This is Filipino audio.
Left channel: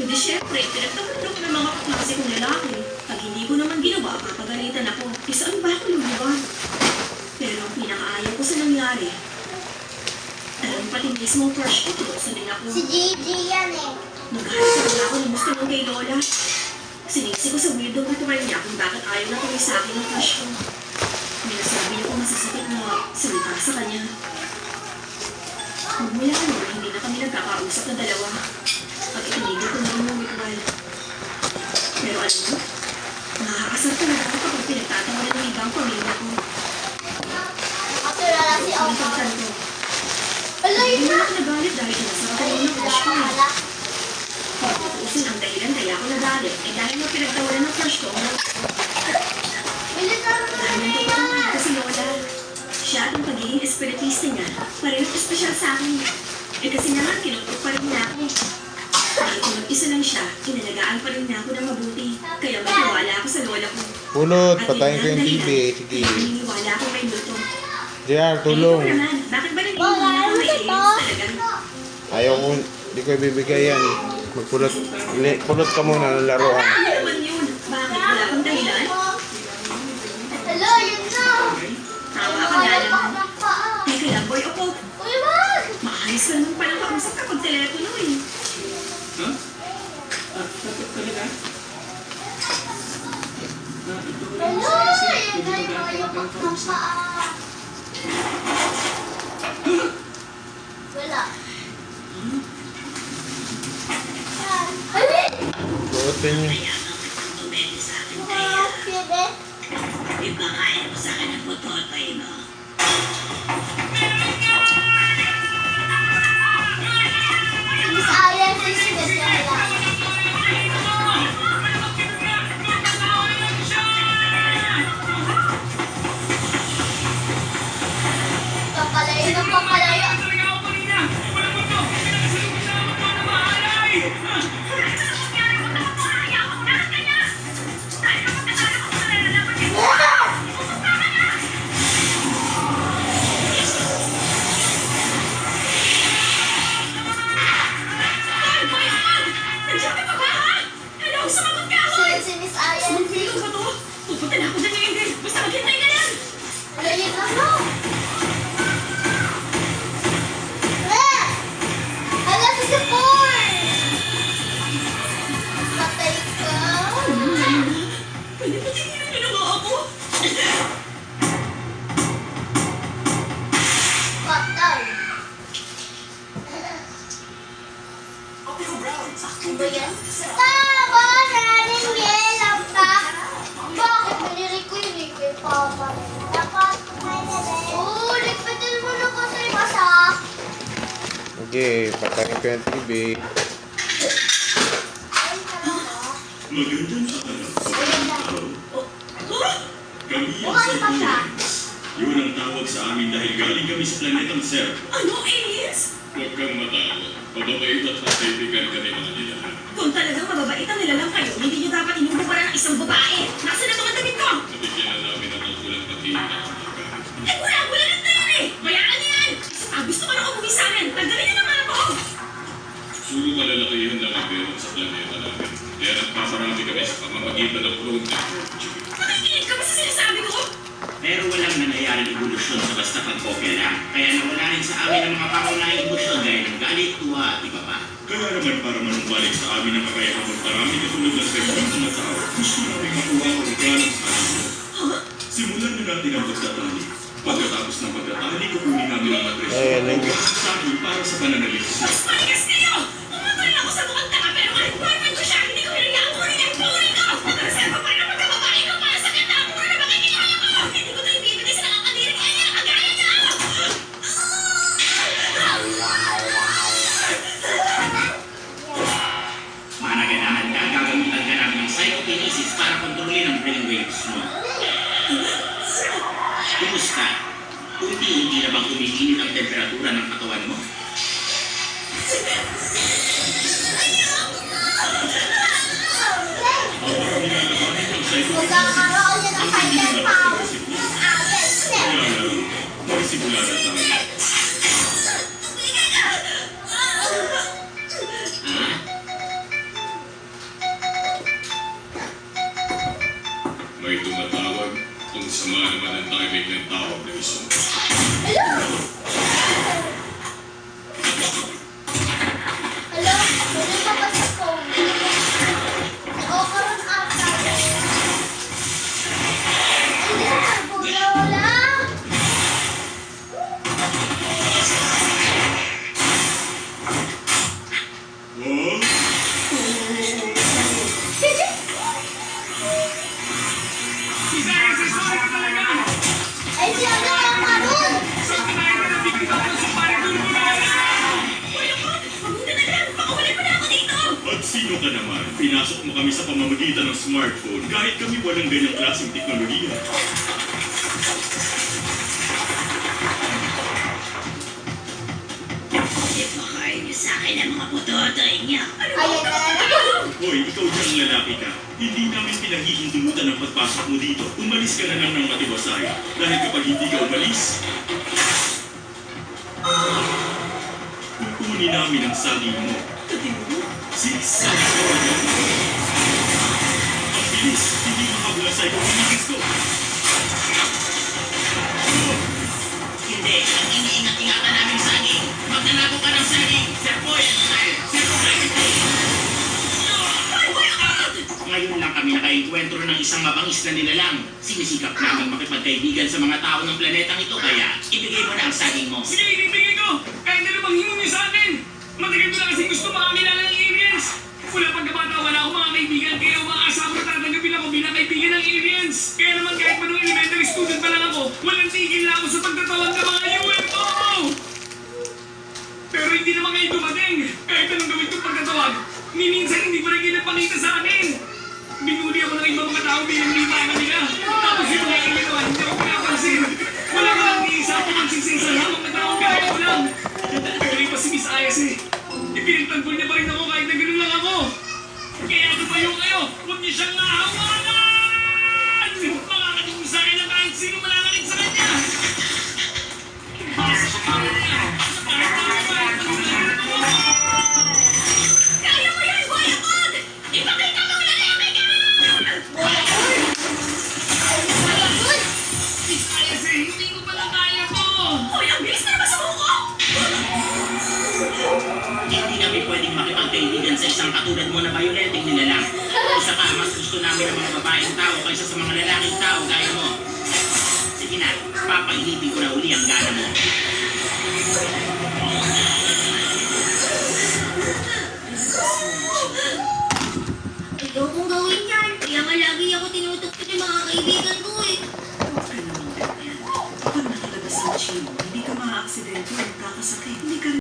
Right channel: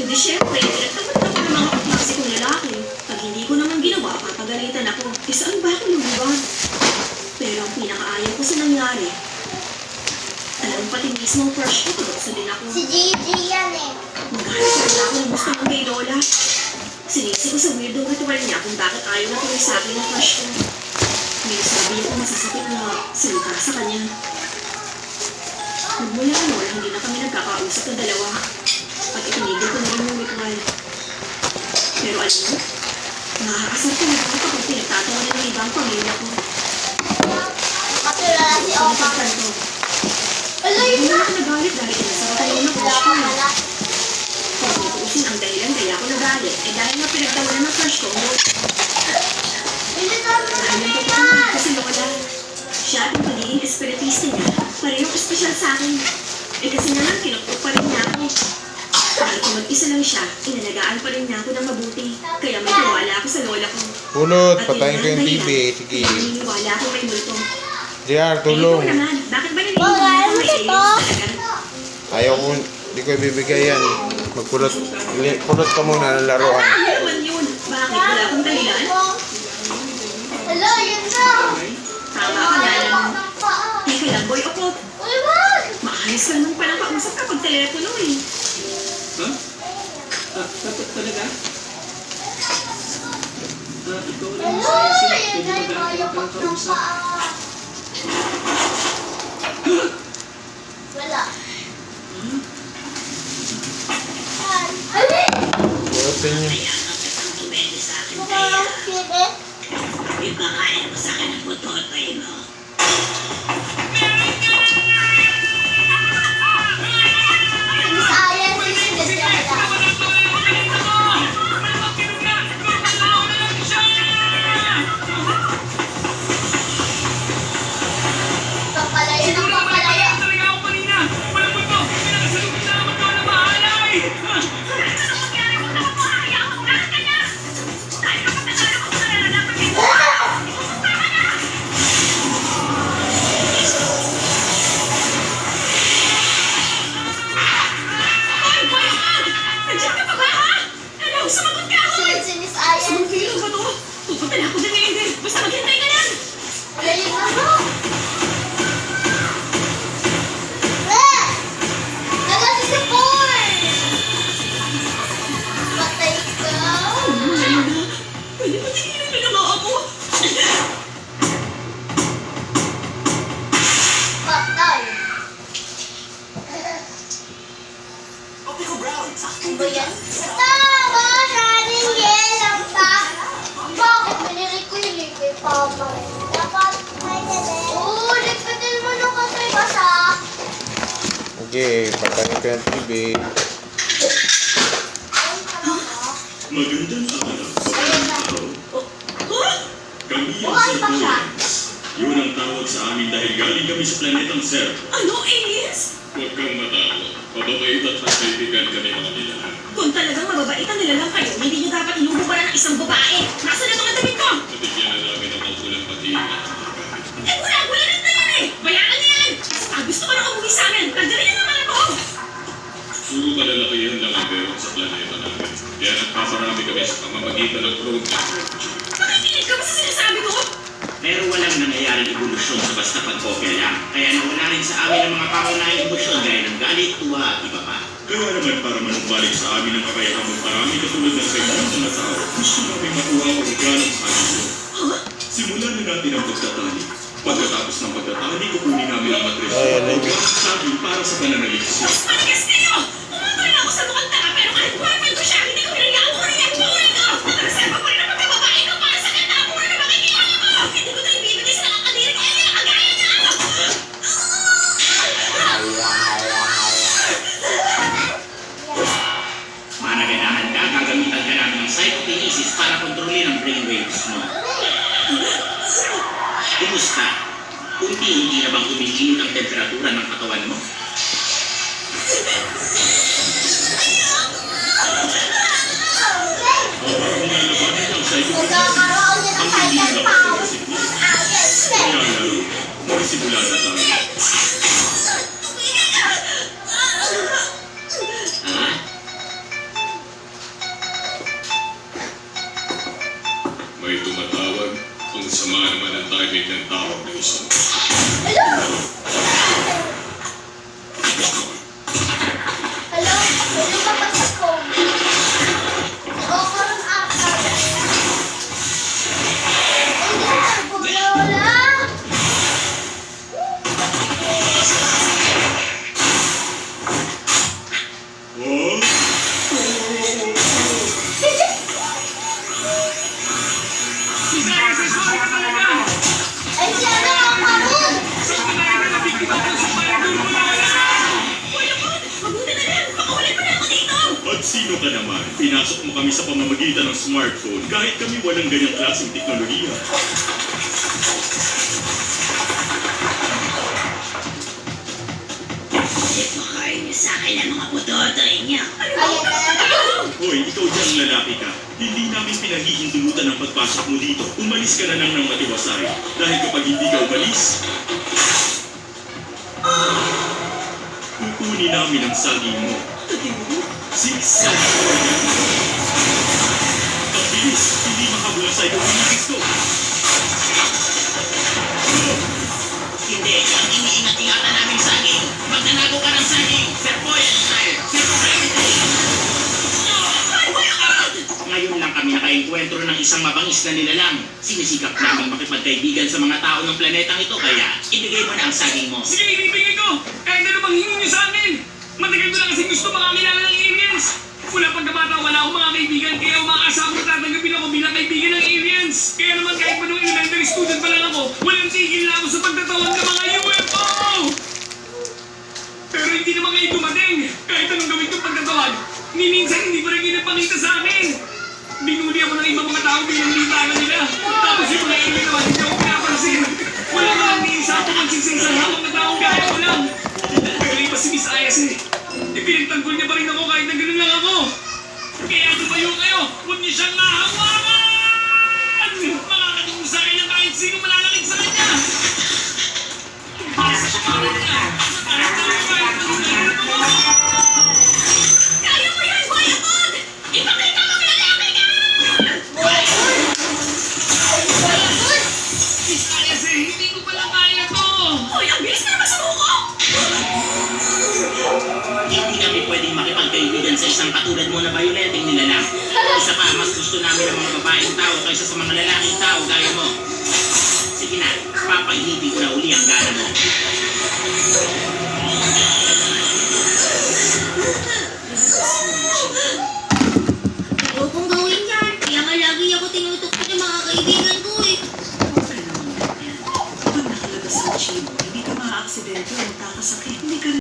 Hindi syempre, pinagtapat ako ng mga kaklase kong lalaki. Pag hindi ko naman ginawa, papagalitan ako. Eh saan ba ako lumuwan? Pero ang pinakaayaw ko sa nangyari, talagang pati mismo ang crush ko, tutokso din ako. Si Gigi yan eh. Maghahanap pa rin ako ng gusto ng kay Lola. Sinisi ko sa weirdo ritual niya kung bakit ayaw na tuloy sa akin ang crush ko. May nasabi ako masasakit na salita sa kanya. Magmula noon, hindi na kami nagkakausap na dalawa. At itinigil ko na rin yung ritual. Pero alam mo, nakakasar ko na ako kapag pinagtatangan ng ibang pamilya ko. Matulala si Opa. Ala, Hindi yun na na. ako nagalit dahil masarap ko yung crush ko. Kung tutuusin ang dahilan kaya ako nagalit, ay dahil nga pinagtawanan ng crush ko, Hindi na naman dahil nandito ko naman kasi Lola. Siya at ang pagiging espiritista niya, parehong espesyal sa akin. Eh kasi naman, kinukup pa rin niya ako. Dahil kung mag-isa lang siya, inalagaan pa rin niya ako ng mabuti. Kaya may tiwala ako sa Lola ko. Pulot, At patayin ko yun yung ang TV. dahilan, Sige. kaya naniniwala ako kay Luto. JR, tulong. Eh, ikaw naman, bakit ba naniniwala ako kay Elias talaga? Ayaw ko, hindi ko ibibigay yan. Magpulot. Pulot ka muna ng laruan. Ano naman yun? Bakit? Wala akong dahilan? Hello, yun na. Tama ka na naman. Teka lang, boy, ako. Uy, wag. Maayos lang nung palang kausap ka pag telepono eh. Huh? Talaga? Ikaw lang Hello, sa isip. yun Pwede na ba yung natin mga magkausap? Wala. Ay, Pulutin niyo. mga pwede. Ipakain mo sa akin ang butotoy mo. Miss Ariel, sisinod ka nila. Papalayo ng papalayo. Ay, boy, nandiyan ka pa ba, ha? Hello, sumagot ka ako! Sunod si Miss Ariel. Sumipilo ba to? Pupunta na ako din ngayon din. Basta maghintay ka lang. Ano yun? Ano? Eh! Wala si Sipon! Patay ka. Pwede ba tingin na lang ako? Patay. Ano ba yan? Tapos, running yellow ka. Bakit binili ko yung liquid papa? Dapat may nalay. Oo, liquidan mo na kasi basa. Okay, patayin ko yung TV. Magandang araw. Huh? Kami ang Buhay pa siya. Saiyans. Yun ang tawag sa amin dahil galing kami sa planetang Zero. Ano, aliens? Huwag kang matawa. Mababait at magkaibigan kami mga nilahan. Kung talagang mababait ang nilalang kayo, hindi niyo dapat inububaran ng isang babae. Nasaan ang mga damit ko? Natigyan na namin ang magulang pag-iingat. Eh, wala na yan eh! Bayaan niya yan! Gusto ko na umuwi sa amin. Nagdali na naman ako! Puro kalalakihan lang ang meron sa planeta namin. Kaya nagpaparami kami sa pamamagitan ng road technology. Nakikinig ka ba sa sinasabi ko? Pero walang nangyayaring evolusyon sa basta pagkopya lang. Kaya nawala rin sa amin ang mga pangunahing emosyon gaya ng galit, tuwa at iba pa. Kaya naman para manumbalik sa amin ang kakayahan magparami katulad ng kaibigan ng mga tao, gusto namin makuha ang organo sa kanila. Simulan na natin ang pagtatali. Pagkatapos ng pagtatali, kukunin namin ang matres Ay, ano? at sabi para sa pananalisis. Mas manigas kayo! Umutoy na ako sa mukhang tanga pero kahit boyfriend ko siya, hindi ko hinayaan ko rin ang puri ko! Nakareserva pa rin ang pagkababae ko para sa kanya ang mura na makikilala ko! Hindi ko ito ibibigay sa nakakadiri kaya niya nakagaya niya! Managanahan ka, gagamitan ka namin ng psychokinesis para kontrolin ang brainwaves mo. Kumusta? Unti-unti na bang umiinit ang temperatura ng katawan mo? Magkakaroon niya ng cycle power. Miss Ariel, step. Kaya lalo, magsimula na tayo. Ha? nakakarinig ng tawag ng isang Hello? Hello? Pwede ka ba sa phone? Nag-o-oran ata. Hindi ka wala. Oh? Ay, si ano ang maroon? Mabuti na lang! Makawala pa na ako dito! At sino ka naman? Pinasok mo kami sa pamamagitan ng smartphone kahit kami walang ganyang klaseng teknolohiya. Ipakain niyo sa akin ang mga butotoy niyo. Ayan na lang. Hoy, ikaw diyang lalaki ka. Hindi namin pinaghihintulutan ang pagpasok mo dito. Umalis ka na lang ng matiwasay. Dahil kapag hindi ka umalis, kukunin namin ang saging mo. Zigzag ko yan. Mabilis, hindi makabulasay kung pinigis ko. Hindi, ang iniingat-ingatan namin saging. Magnanako ka ng saging. Sir Boy, style. Sir Boy, ngayon lang kami nakaengkwentro ng isang mabangis na nilalang. Sinisikap namin makipagkaibigan sa mga tao ng planetang ito, kaya ibigay mo na ang saging mo. Sige, ibibigay ko! Kahit ano bang hingo niyo sa akin! Matagal ko na kasi gusto makakilala ng aliens! Mula pagkabata, wala akong mga kaibigan, kaya umaasama na tatanggapin ako bilang kaibigan ng aliens! Kaya naman kahit pa nung elementary student pa lang ako, walang tigil na ako sa pagtatawag ng mga UFO! Pero hindi naman kayo dumating! Kahit anong gawin kong pagtatawag, ni minsan hindi pa rin kayo nagpakita sa akin! Binuli ako ng ibang mga tao bilang litangan nila. Tapos yung mga alien naman, hindi ako pinapansin. Wala ka lang isa ako magsisisa sa mga taong gaya ko lang. Pero iba si Miss Ayas eh. Ipinagtanggol niya pa rin ako kahit na ganun lang ako. Kaya tumayo kayo, huwag niyo siyang nahawakan! Makakatulong sa akin na kahit sino malalakit sa kanya. Para sa pangalan niya, para tayo kahit panunay ako. Kaya mo yan, Boy Akod! Ipakita mo lalaki ka! Miss Ayas eh, hindi ko pala kaya to. Hoy, ang bilis na naman sumuko! Hindi kami pwedeng makipagkaibigan sa isang katulad mo na bayolenteng nilalang. Isa pa, mas gusto namin ang mga babaeng tao kaysa sa mga lalaking tao gaya mo. Sige na, papainitin ko na uli ang gana mo. Ayokong gawin yan. Kaya nga lagi ako tinutukot ng mga kaibigan ko eh. Huwag ka naman ganyan. Pag nakalabas ang chimo, hindi ka maaaksidente o magkakasakit. Hindi ka